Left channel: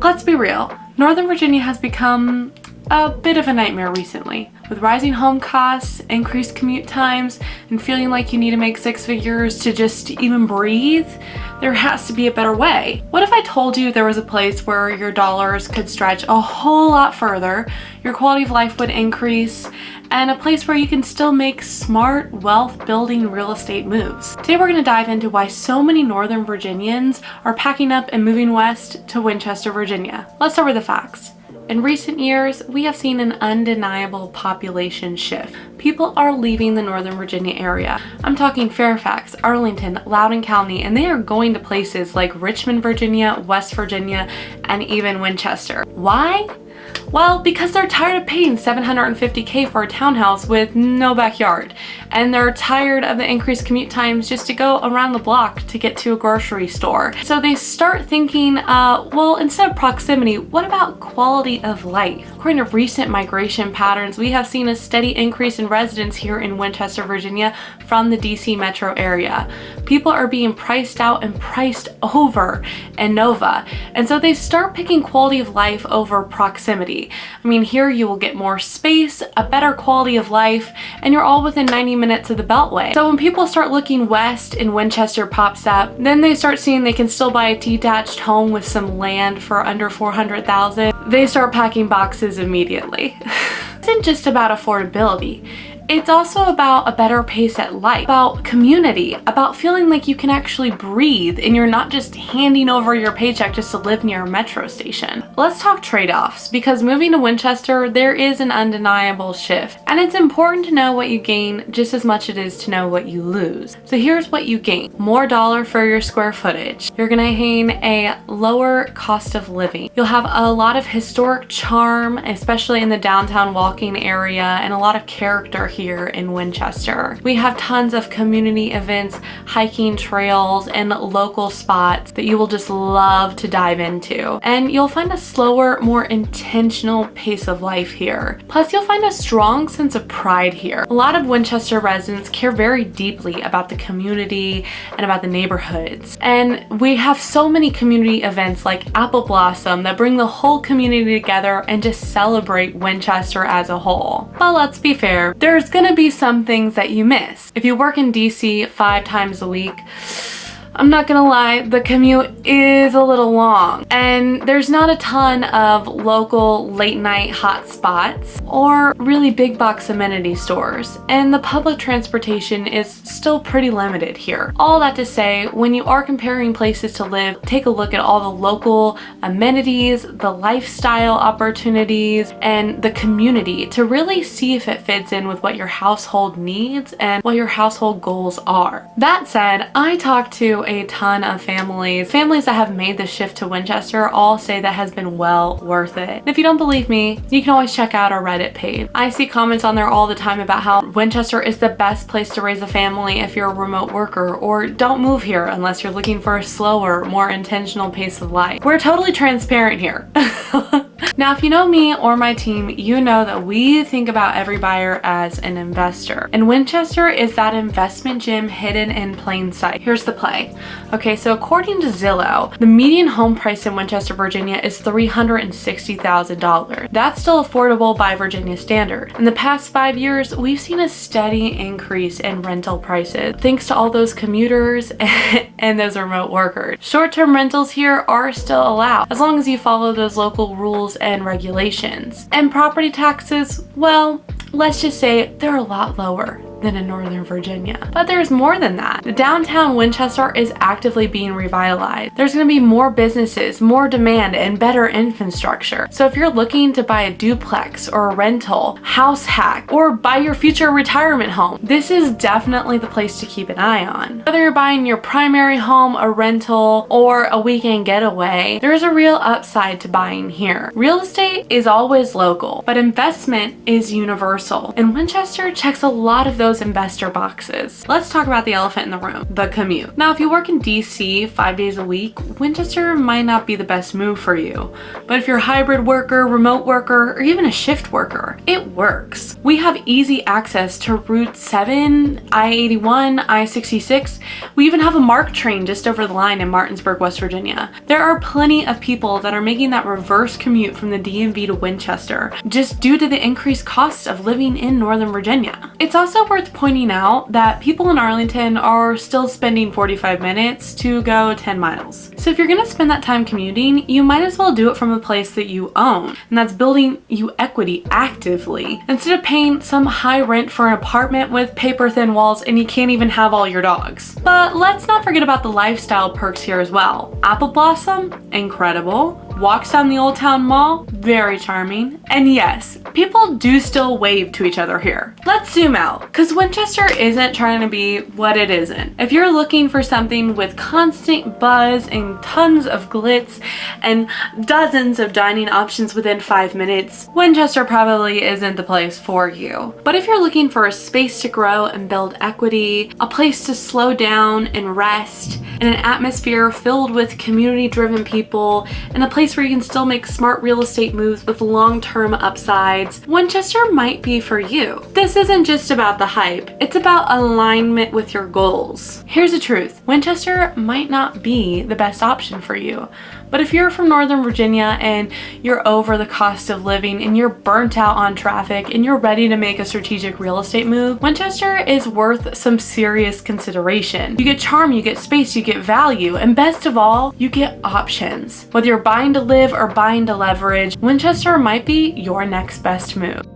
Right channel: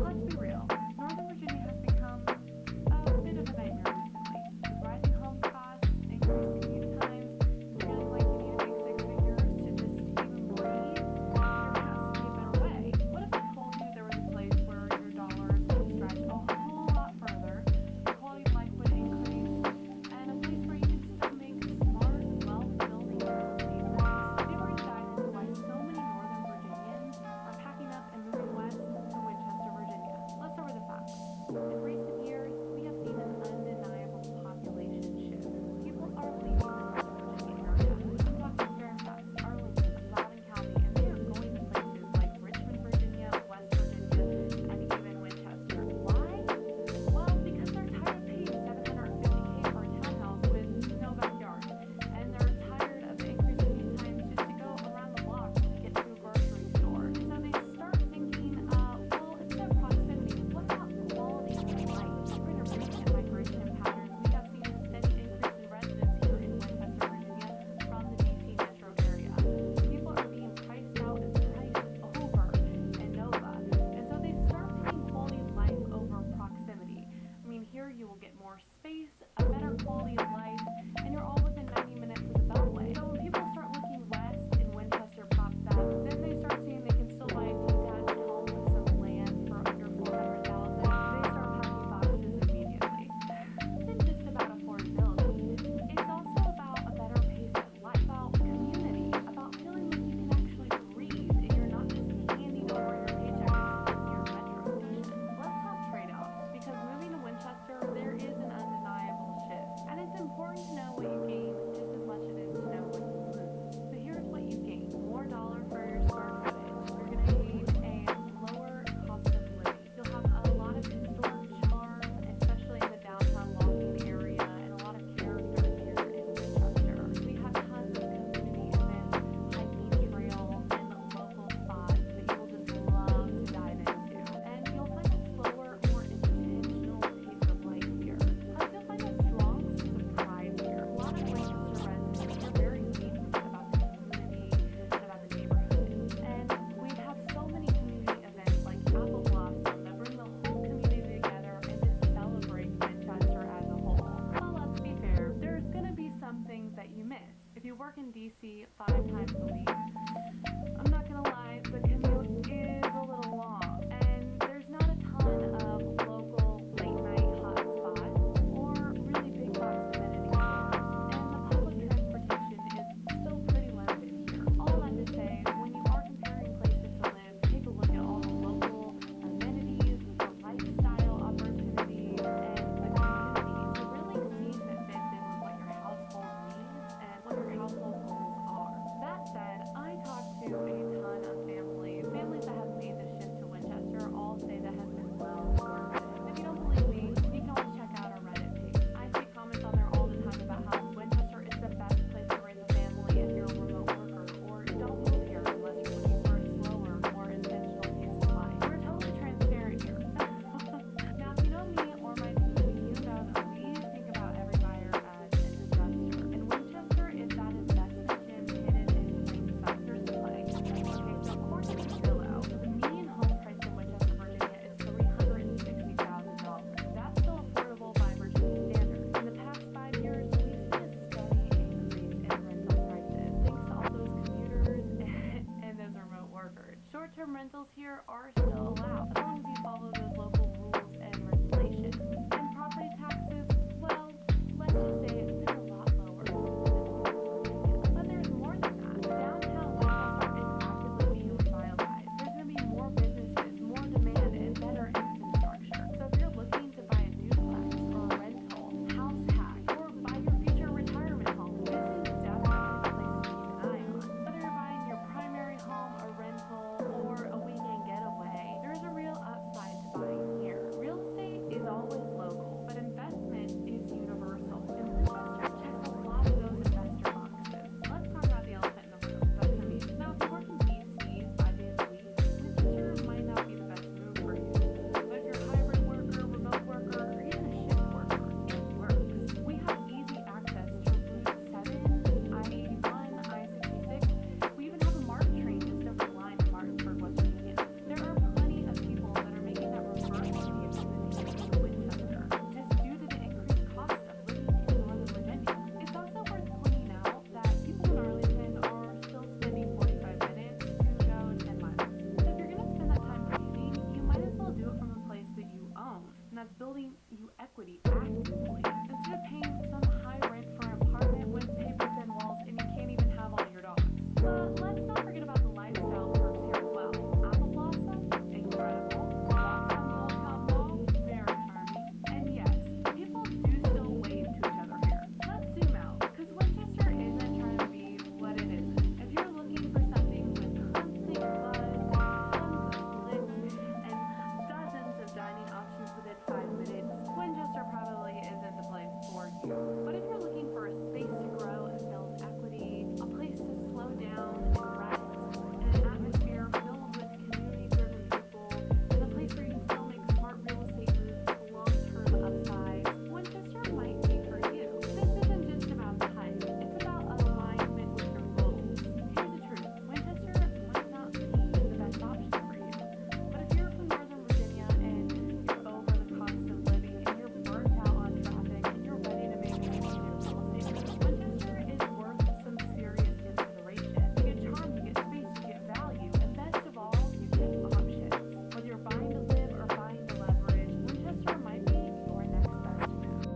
Let's be real, Northern Virginia has become a bit of a nightmare recently. With rising home costs, increased commute times, and feeling like you need to make six figures to just even breathe, there has to be a better way. What if I told you there was a place where your dollars could stretch a whole lot further, your quality of life would increase, and a place where you can still make smart, wealth-building real estate moves? Today we're going to dive into why so many Northern Virginians are packing up and moving west to Winchester, Virginia. Let's start with the facts. In recent years, we have seen an undeniable population shift. People are leaving the Northern Virginia area. I'm talking Fairfax, Arlington, Loudoun County, and they are going to places like Richmond, Virginia, West Virginia, and even Winchester. Why? Well, because they're tired of paying $750K for a townhouse with no backyard, and they're tired of the increased commute times just to go around the block to get to a grocery store. So they start thinking, well, instead of proximity, what about quality of life? According to recent migration patterns, we have seen a steady increase in residents here in Winchester, Virginia from the DC metro area. People are being priced out and priced over in NoVA, and so they start picking quality of life over proximity. I mean, here you will get more space, a better quality of life, and you're all within 90 minutes of the Beltway. So when people start looking west and Winchester pops up, then they start seeing they can still buy a detached home with some land for under $400,000. They start packing boxes immediately. It isn't just about affordability. It's also about a better pace at life, about community, about feeling like you can actually breathe and you're not just handing over your paycheck just to live near a metro station. Let's talk trade-offs, because moving to Winchester, there is an undeniable shift. And it's important to know what you gain just as much as it is to know what you lose. So here's what you gain. More dollar for your square footage. You're gonna gain a lower cost of living. You'll have a lot of historic charm, especially in the downtown walking area, and a lot of character here in Winchester. We have tons of community events, hiking trails, and local spots that you will just love to dive into. And you'll find a slower, more intentional pace of life here. Plus, you'll find a strong sense of pride here. A lot of Winchester residents care very deeply about the community and about the neighborhoods. And we have so many community events like Apple Blossom that bring the whole community together and just celebrate Winchester as a whole. But let's be fair, there's gonna be some things that you miss. If you work in DC 5 times a week, I'm not gonna lie, the commute is a little long, and there's not a ton of local late night hot spots or really big box amenity stores, and the public transportation is still pretty limited here. All that to say, when you are comparing places to live, take a look at all the local amenities, the lifestyle opportunities, and the community to really see if it fits in with what your household needs and what your household goals are. That said, I talked to a ton of families that have made the shift to Winchester all say that has been well worth it. And if you don't believe me, you can always check out our Reddit page. I see comments on there all the time about how Winchester is the best place to raise a family if you're a remote worker, or don't move here unless you're looking for a slower, more intentional pace of life. We're totally transparent here. Now, if you know me or my team, you know that we think about every buyer as an investor. And Winchester is that investment gem hidden in plain sight. Here's the play. Okay, so according to Zillow, the median home price in Winchester, Virginia is $360,000. That's still affordable by Virginia standard. In the past 5 years, we've seen a steady increase in rental prices, thanks to all those commuters and those remote workers. Short-term rentals here are still allowed, as long as you follow those local rules and regulations. And property taxes, well, let's just say they're a lot lower than in Northern Virginia. But there's more than that. The downtown Winchester is actively being revitalized. There's gonna be more businesses, more demand, and better infrastructure. So if you're looking to buy a duplex or a rental, house hack, or buy your future retirement home, this is definitely the place to keep an eye on. Whether you're buying your primary home, a rental, or a weekend getaway, there's a real upside to buying here. Real estate is always local, but investment is universal. And Winchester checks a lot of those those investor boxes. Let's talk about the elephant in the room, the commute. Now, if you work in DC 5 days a week, Winchester might not be the best move for you. But if you're a hybrid worker, remote worker, or even a shift worker, it works. We have easy access to Route 7, I-81, I-66. We even have a MARC train just over the line in Martinsburg, West Virginia. There are plenty of people that are making that reverse commute from the DMV to Winchester, just due to the increased cost of living in Northern Virginia. It's also worth pointing out that people in Arlington are still spending 45 minutes to go 10 miles. So if you're gonna spend that time commuting, you might as well do it from a place that you own, and that's building you equity actively, instead of paying some high rent for an apartment with paper thin walls and you can't even have all your dogs. But let's not forget about the lifestyle perks here as well. Apple Blossom, incredible. Walks down the Old Town Mall, very charming. And yes, people do still wave to each other here. Let's zoom out, because Winchester isn't trying to be what it isn't. If you're looking for something with constant buzz and tons of glitz and dozens of dining options within 5 minutes, Winchester probably isn't the place for you. But if you're looking for a space to grow and build equity, a place to slow down and rest, and an atmosphere filled with community-driven people, and a place where you can still make smart real estate moves with long-term upsides, Winchester might be for you. This isn't just about the hype, it's about alignment with your goals. Here's the truth, Winchester might not be the best option for you, but if you're from Northern Virginia and you're over the cost of living and you're burnt out on traffic and you're ready to make a strategic real estate move, Winchester is worth some serious consideration. You get charm, you get space, you get value, and best of all, you get options. Whether you're buying to live or buying to leverage, Winchester might be your next best move.